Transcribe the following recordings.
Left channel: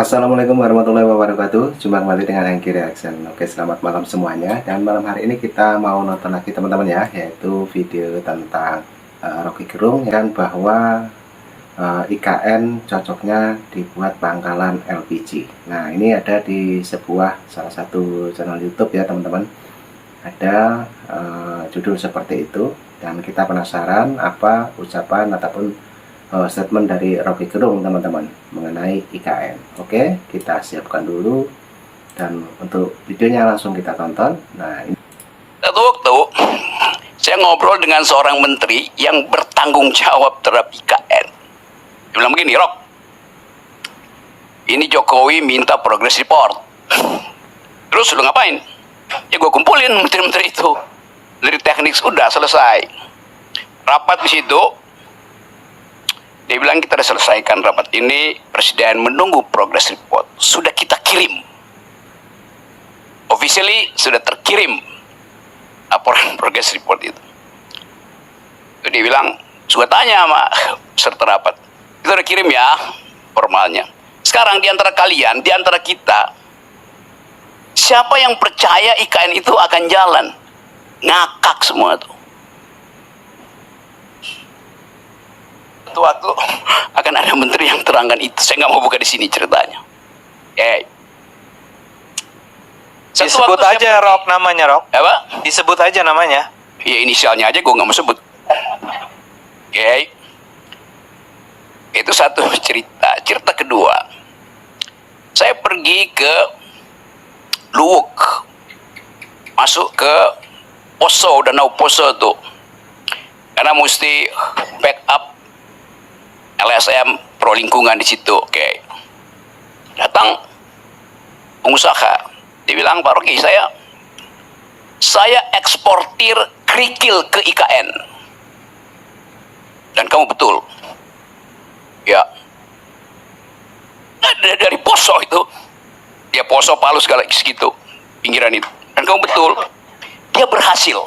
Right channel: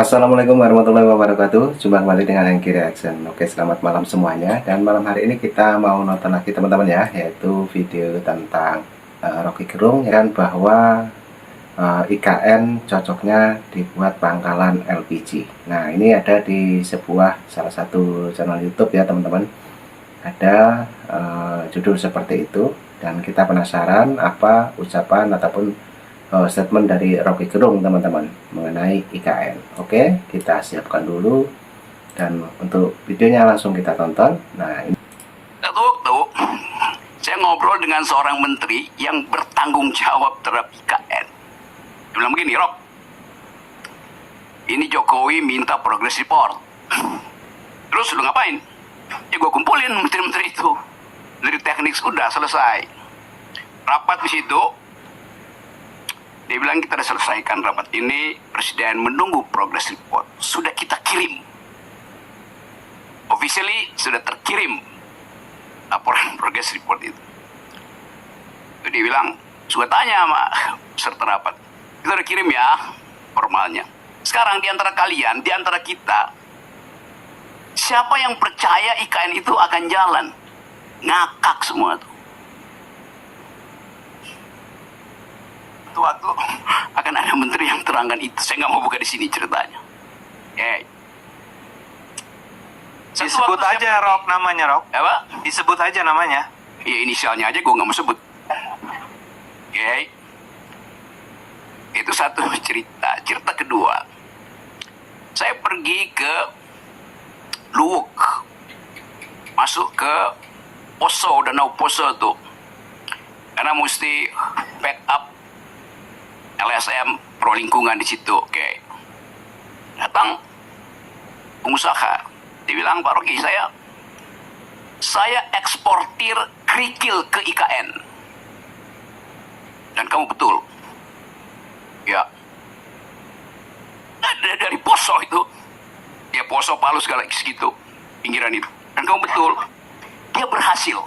Assalamualaikum warahmatullahi wabarakatuh. Jumpa kembali dengan Hengki Reaction. Oke, selamat malam semuanya. Dan malam hari ini kita mau nonton lagi teman-teman ya, yaitu video tentang Rocky Gerung, dan bahwa IKN cocoknya dibuat pangkalan LPG. Nah, ini ada di salah satu channel YouTube ya teman-teman. Ada judul seperti itu, dan kita penasaran apa ucapan ataupun statement dari Rocky Gerung teman-teman mengenai IKN. Oke, kita siapkan dulu, dan untuk videonya langsung kita tonton. Nah, ini Satu waktu saya ngobrol dengan seorang menteri yang bertanggung jawab terhadap IKN. Dia bilang begini, Rok, ini Jokowi minta progress report. Terus lu ngapain? Ya gue kumpulin menteri-menteri itu. Dari teknik sudah selesai. Rapat di situ, dia bilang kita sudah selesaikan rapat ini, Presiden menunggu progress report. Sudah kita kirim. Officially sudah terkirim laporan progress report itu. Dia bilang, sudah tanya sama peserta rapat, kita udah kirim ya formalnya. Sekarang di antara kalian, di antara kita, siapa yang percaya IKN itu akan jalan? Ngakak semua tuh. Suatu waktu akan ada menteri yang terangkan itu. Saya nggak mau buka di sini ceritanya. Disebut aja Rok namanya, Rok. Apa? Disebut aja namanya. Ya inisialnya aja gue nggak mau sebut. Itu satu cerita. Cerita kedua, saya pergi ke Luwuk, masuk ke Poso, Danau Poso tuh, karena mesti backup LSM Pro Lingkungan di situ. Datang pengusaha, dia bilang, Pak Rocky, saya eksportir kerikil ke IKN. Dan kamu betul. Ya. Dari Poso itu. Ya Poso, Palu segala segitu. Pinggiran itu. Dan kamu betul. Dia berhasil.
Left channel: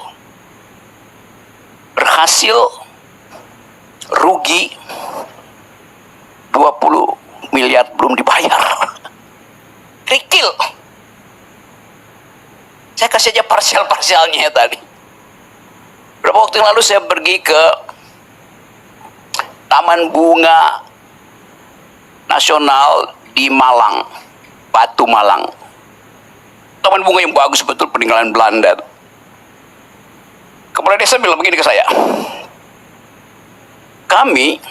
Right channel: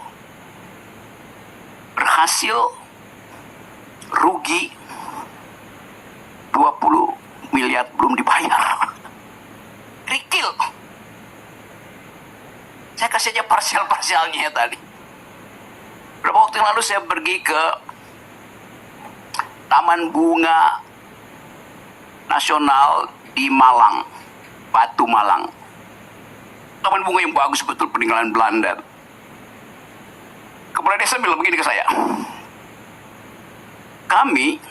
Rugi 20 miliar belum dibayar. Kerikil. Saya kasih aja parsial-parsialnya tadi. Berapa waktu yang lalu saya pergi ke Taman Bunga Nasional di Malang, Batu Malang. Taman bunga yang bagus betul, peninggalan Belanda. Kepala desa bilang begini ke saya, kami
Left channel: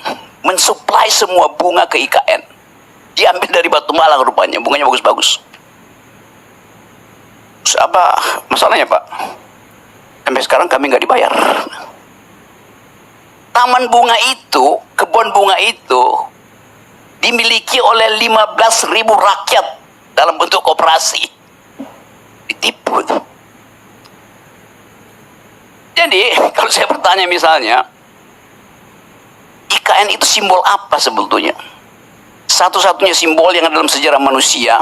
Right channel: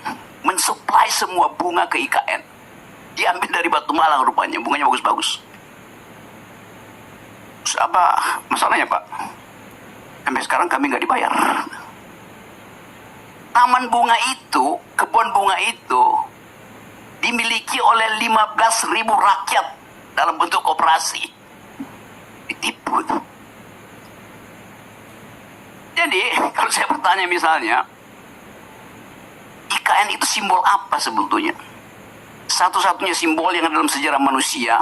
mensuplai semua bunga ke IKN. Diambil dari Batu Malang rupanya, bunganya bagus-bagus. Apa masalahnya, Pak? Sampai sekarang kami nggak dibayar. Taman bunga itu, kebun bunga itu dimiliki oleh 15.000 rakyat dalam bentuk koperasi. Ditipu. Jadi kalau saya bertanya misalnya, IKN itu simbol apa sebetulnya? Satu-satunya simbol yang ada dalam sejarah manusia,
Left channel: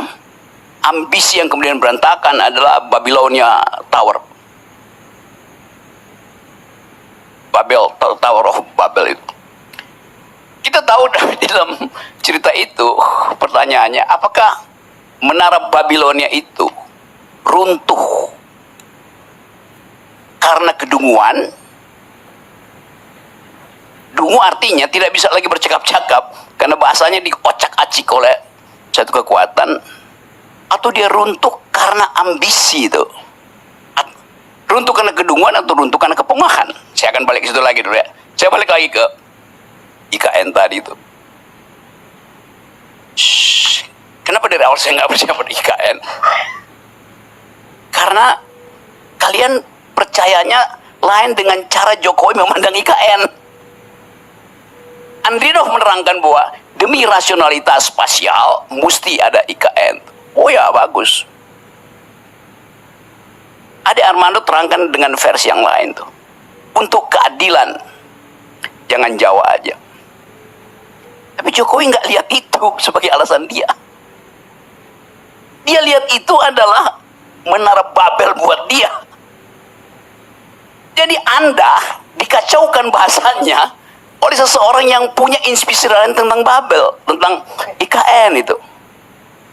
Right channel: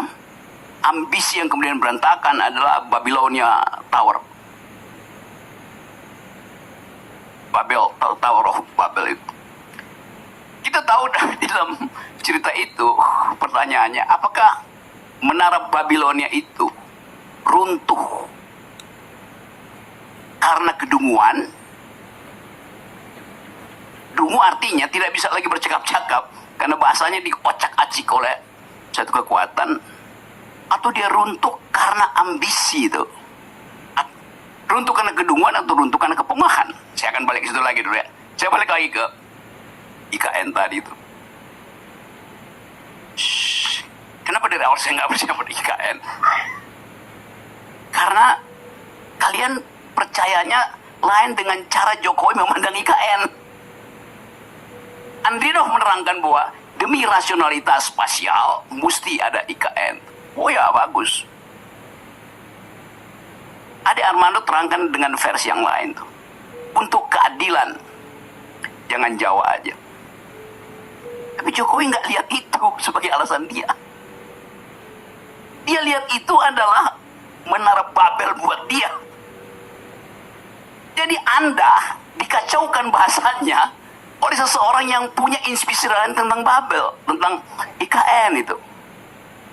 ambisi yang kemudian berantakan adalah Babilonia Tower. Tower of Babel itu. Kita tahu di dalam cerita itu, pertanyaannya, apakah menara Babilonia itu runtuh karena kedunguan? Dungu artinya tidak bisa lagi bercakap-cakap karena bahasanya diocak-acik oleh satu kekuatan, atau dia runtuh karena ambisi itu? Runtuh karena kedunguan atau runtuh karena kepungahan? Saya akan balik ke situ lagi dulu ya. Saya balik lagi ke IKN tadi itu. Kenapa dari awal saya nggak percaya pada IKN? Karena kalian percayanya lain dengan cara Jokowi memandang IKN. Andrinov menerangkan bahwa demi rasionalitas spasial mesti ada IKN. Oh ya, bagus. Ade Armando terangkan dengan versi yang lain tuh. Untuk keadilan, jangan Jawa aja. Tapi Jokowi nggak lihat itu sebagai alasan dia. Dia lihat itu adalah menara Babel buat dia. Jadi Anda dikacaukan bahasanya oleh seseorang yang punya inspirasi lain tentang Babel, tentang IKN itu.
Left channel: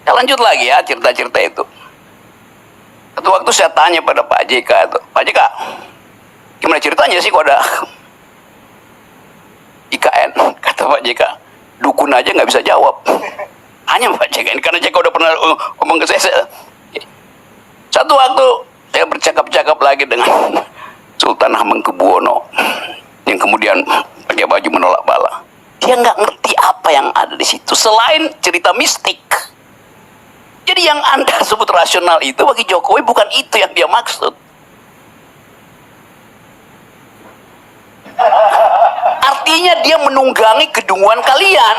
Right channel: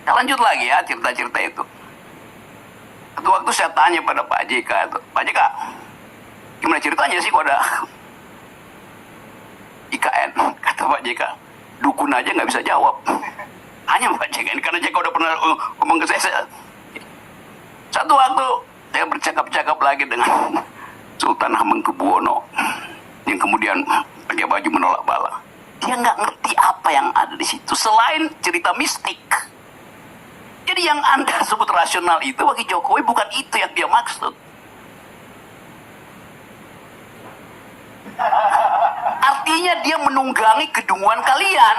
Saya lanjut lagi ya cerita-cerita itu. Satu waktu saya tanya pada Pak JK itu, Pak JK, gimana ceritanya sih kok ada IKN? Kata Pak JK, dukun aja nggak bisa jawab. Hanya Pak JK ini, karena JK udah pernah ngomong ke saya. Satu waktu saya bercakap-cakap lagi dengan Sultan Hamengkubuwono yang kemudian pakai baju menolak bala. Dia nggak ngerti apa yang ada di situ selain cerita mistik. Jadi yang Anda sebut rasional itu bagi Jokowi bukan itu yang dia maksud. Artinya dia menunggangi kedunguan kalian.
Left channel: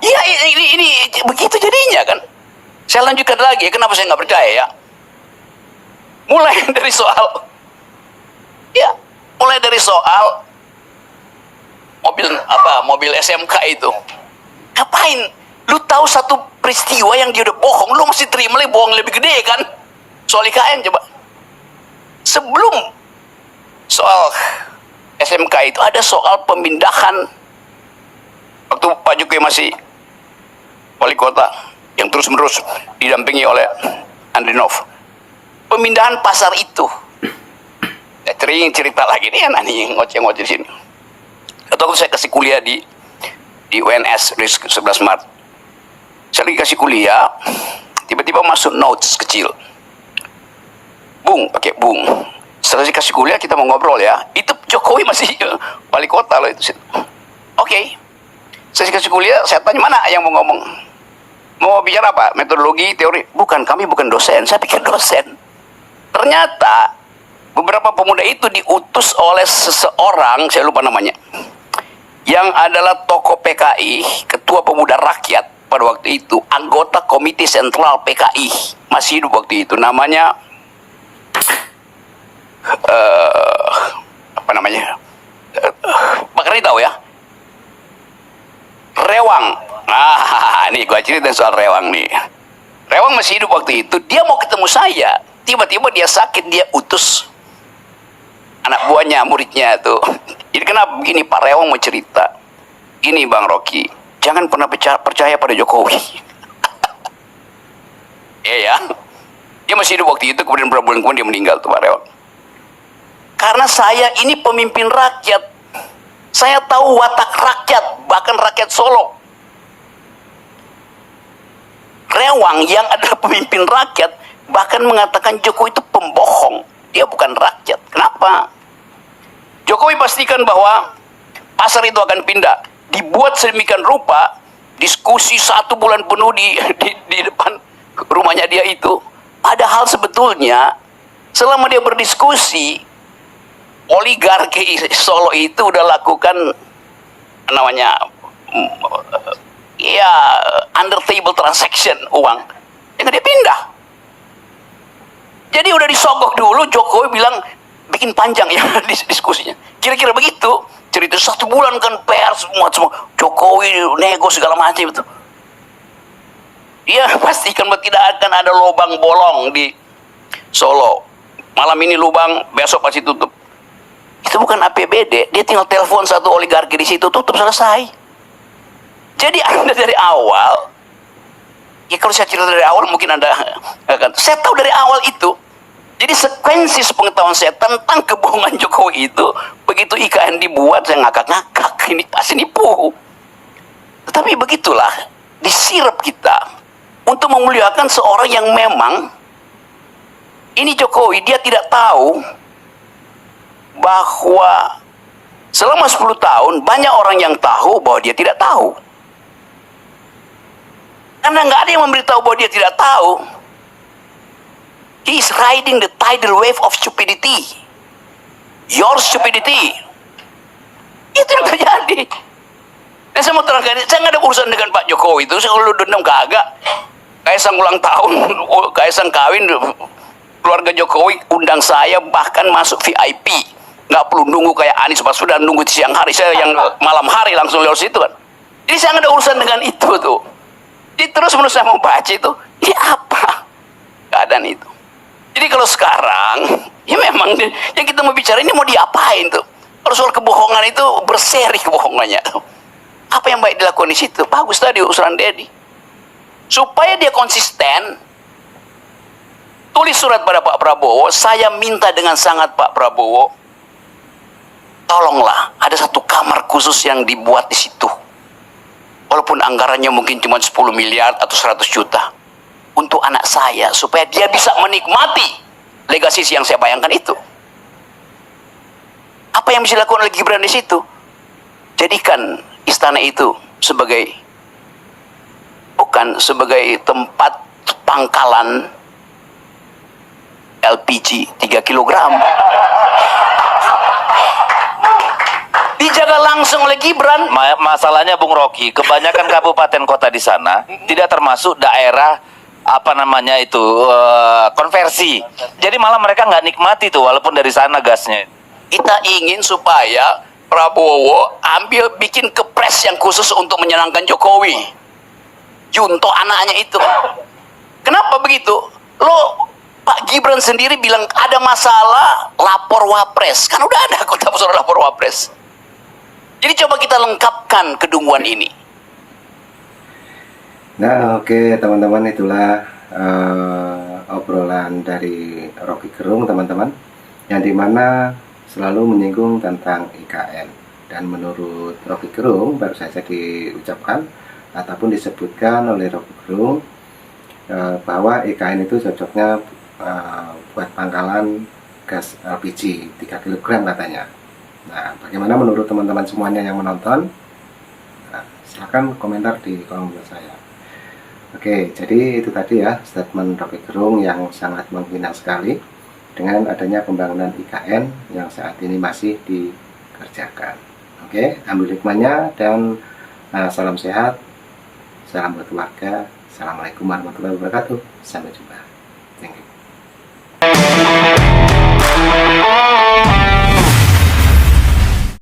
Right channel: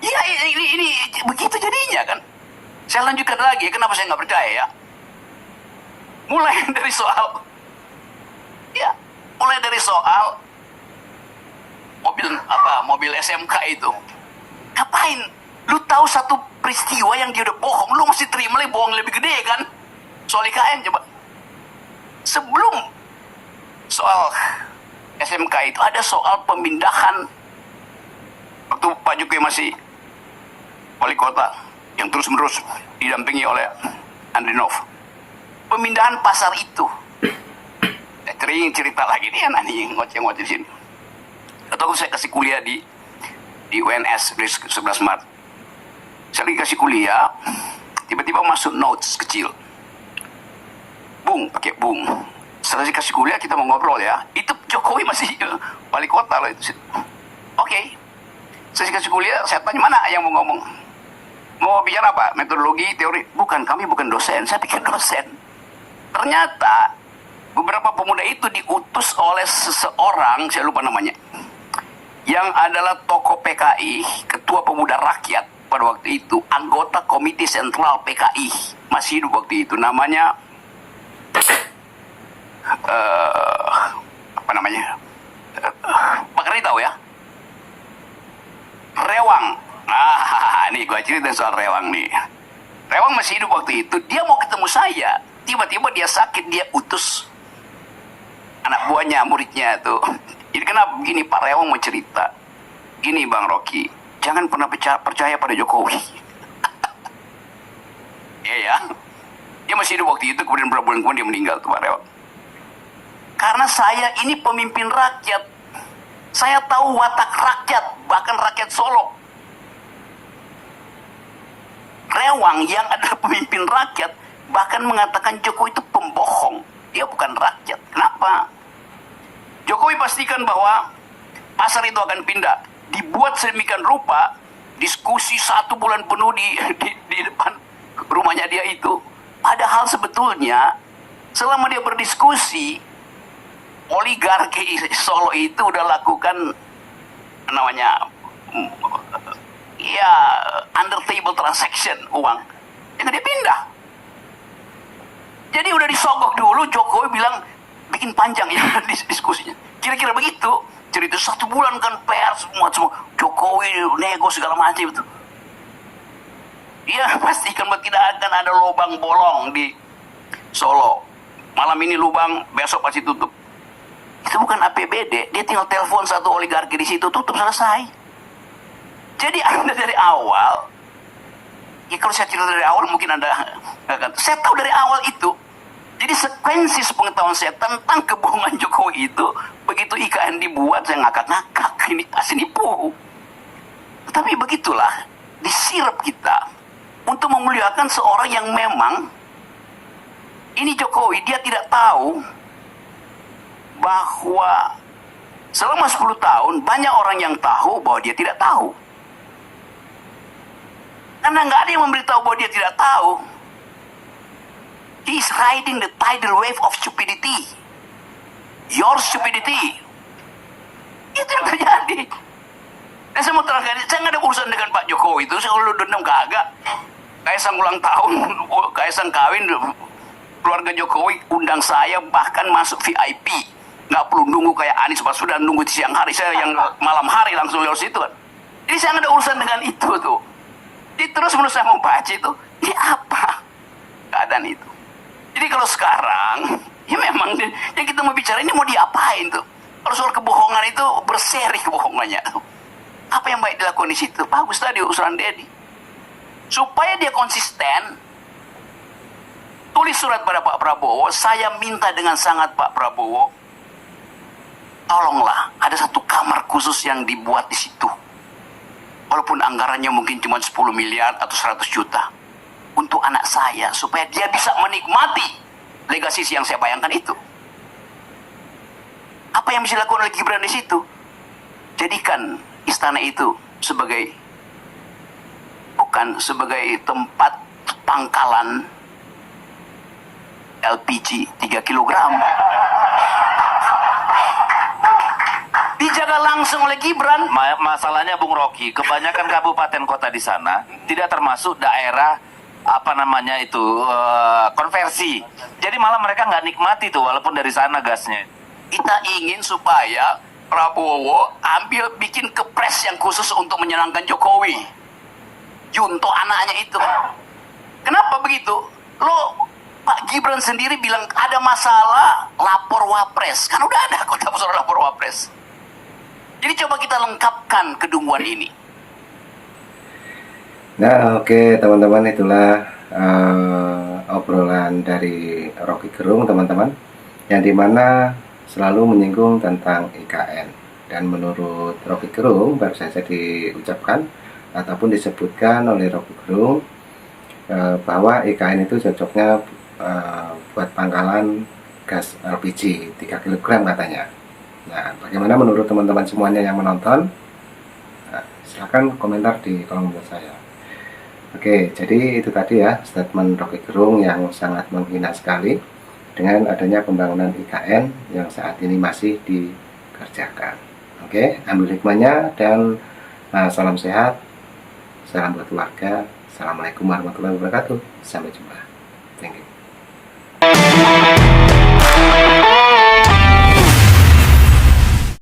Ya ini begitu jadinya kan. Saya lanjutkan lagi, kenapa saya nggak percaya ya? Mulai dari soal mobil SMK itu. Ngapain? Lu tahu satu peristiwa yang dia udah bohong, lu masih terima lagi bohong lebih gede kan? Soal IKN coba. Sebelum soal SMK itu ada soal pemindahan waktu Pak Jokowi masih wali kota yang terus-menerus didampingi oleh Andrinov. Pemindahan pasar itu. Sering cerita lagi nih yang ngoceh-ngoceh di sini. Atau saya kasih kuliah di UNS di 11 Maret. Saya lagi kasih kuliah, tiba-tiba masuk notes kecil. Bung, pakai bung. Setelah saya kasih kuliah kita mau ngobrol ya. Itu Jokowi masih wali kota loh itu. Oke. Saya kasih kuliah, saya tanya mana yang mau ngomong. Mau bicara apa? Metodologi, teori? Bukan, kami bukan dosen. Saya pikir dosen. Ternyata beberapa pemuda itu diutus oleh seseorang, saya lupa namanya, yang adalah tokoh PKI, ketua pemuda rakyat pada waktu itu, anggota komite sentral PKI, masih hidup waktu itu, namanya apa namanya? Pak Reni tahu ya? Rewang. Nah, ini gua cerita soal Rewang nih. Rewang masih hidup waktu itu, dia mau ketemu saya. Tiba-tiba dia sakit, dia utus anak buahnya, muridnya tuh. Jadi kenapa begini, Pak Rewang mau cerita. Gini Bang Rocky, jangan pernah percaya pada Jokowi. Ya. Dia masih hidup waktu itu, kemudian beberapa bulan kemudian dia meninggal tuh Pak Rewang. Karena saya ini pemimpin rakyat. Saya tahu watak rakyat, bahkan rakyat Solo. Rewang yang adalah pemimpin rakyat bahkan mengatakan Jokowi itu pembohong. Dia bukan rakyat. Kenapa? Jokowi pastikan bahwa pasar itu akan pindah. Dibuat sedemikian rupa, diskusi 1 bulan penuh di depan rumahnya dia itu. Padahal sebetulnya selama dia berdiskusi, oligarki Solo itu udah lakukan namanya ya under table transaction uang. Yang dia pindah. Jadi udah disogok dulu, Jokowi bilang bikin panjang ya diskusinya. Kira-kira begitu. Cerita 1 bulan kan pers semua Jokowi nego segala macam itu. Dia pastikan bahwa tidak akan ada lubang bolong di Solo. Malam ini lubang, besok pasti tutup. Itu bukan APBD, dia tinggal telepon satu oligarki di situ, tutup, selesai. Jadi Anda dari awal, ya kalau saya cerita dari awal mungkin Anda akan, saya tahu dari awal itu. Jadi sekuensi sepengetahuan saya tentang kebohongan Jokowi itu, begitu IKN dibuat saya ngakak-ngakak, ini pasti nipu. Tetapi begitulah, disirap kita untuk memuliakan seorang yang memang ini Jokowi, dia tidak tahu bahwa selama 10 tahun banyak orang yang tahu bahwa dia tidak tahu. Karena nggak ada yang memberitahu bahwa dia tidak tahu. He is riding the tidal wave of stupidity. Your stupidity. Itu yang terjadi. Dan saya mau terangkan, saya nggak ada urusan dengan Pak Jokowi itu. Saya kalau dendam kagak. Kaisang ulang tahun, Kaisang kawin, keluarga Jokowi undang saya bahkan masuk VIP. Nggak perlu nunggu kayak Anies Baswedan nunggu di siang hari. Saya yang malam hari langsung lewat situ kan. Jadi saya nggak ada urusan dengan itu tuh. Jadi terus menurut saya mau baca itu, ini apa keadaan itu. Jadi kalau sekarang, ya memang yang kita mau bicara ini mau diapain tuh. Kalau soal kebohongan itu berseri kebohongannya. Apa yang baik dilakukan di situ? Bagus tadi usulan Dedi. Supaya dia konsisten, tulis surat pada Pak Prabowo, saya minta dengan sangat Pak Prabowo, tolonglah ada satu kamar khusus yang dibuat di situ. Walaupun anggarannya mungkin cuma 10 miliar atau 100 juta. Untuk anak saya, supaya dia bisa menikmati legasi yang saya bayangkan itu. Apa yang bisa dilakukan oleh Gibran di situ? Jadikan istana itu sebagai, bukan sebagai tempat pangkalan LPG 3 kilogram. Dijaga langsung oleh Gibran. Masalahnya Bung Rocky, kebanyakan kabupaten kota di sana tidak termasuk daerah konversi. Jadi malah mereka nggak nikmati tuh walaupun dari sana gasnya. Kita ingin supaya Prabowo bikin kepres yang khusus untuk menyenangkan Jokowi. Junto anaknya itu. Kenapa begitu? Pak Gibran sendiri bilang ada masalah, lapor Wapres. Kan udah ada kota besar lapor Wapres. Jadi coba kita lengkapkan kedunguan ini. Nah, oke teman-teman, itulah obrolan dari Rocky Gerung teman-teman, yang dimana selalu menyinggung tentang IKN. Dan menurut Rocky Gerung baru saja diucapkan ataupun disebutkan oleh Rocky Gerung bahwa IKN itu cocoknya buat pangkalan gas LPG 3 kg katanya. Nah, bagaimana menurut teman-teman semuanya yang menonton? Nah, silahkan komentar di kolom komentar saya. Oke, jadi itu tadi ya statement Rocky Gerung yang sangat menghina sekali dengan adanya pembangunan IKN yang saat ini masih dikerjakan. Oke, ambil hikmahnya dan salam sehat, salam buat keluarga. Assalamualaikum warahmatullahi wabarakatuh. Sampai jumpa. Thank you.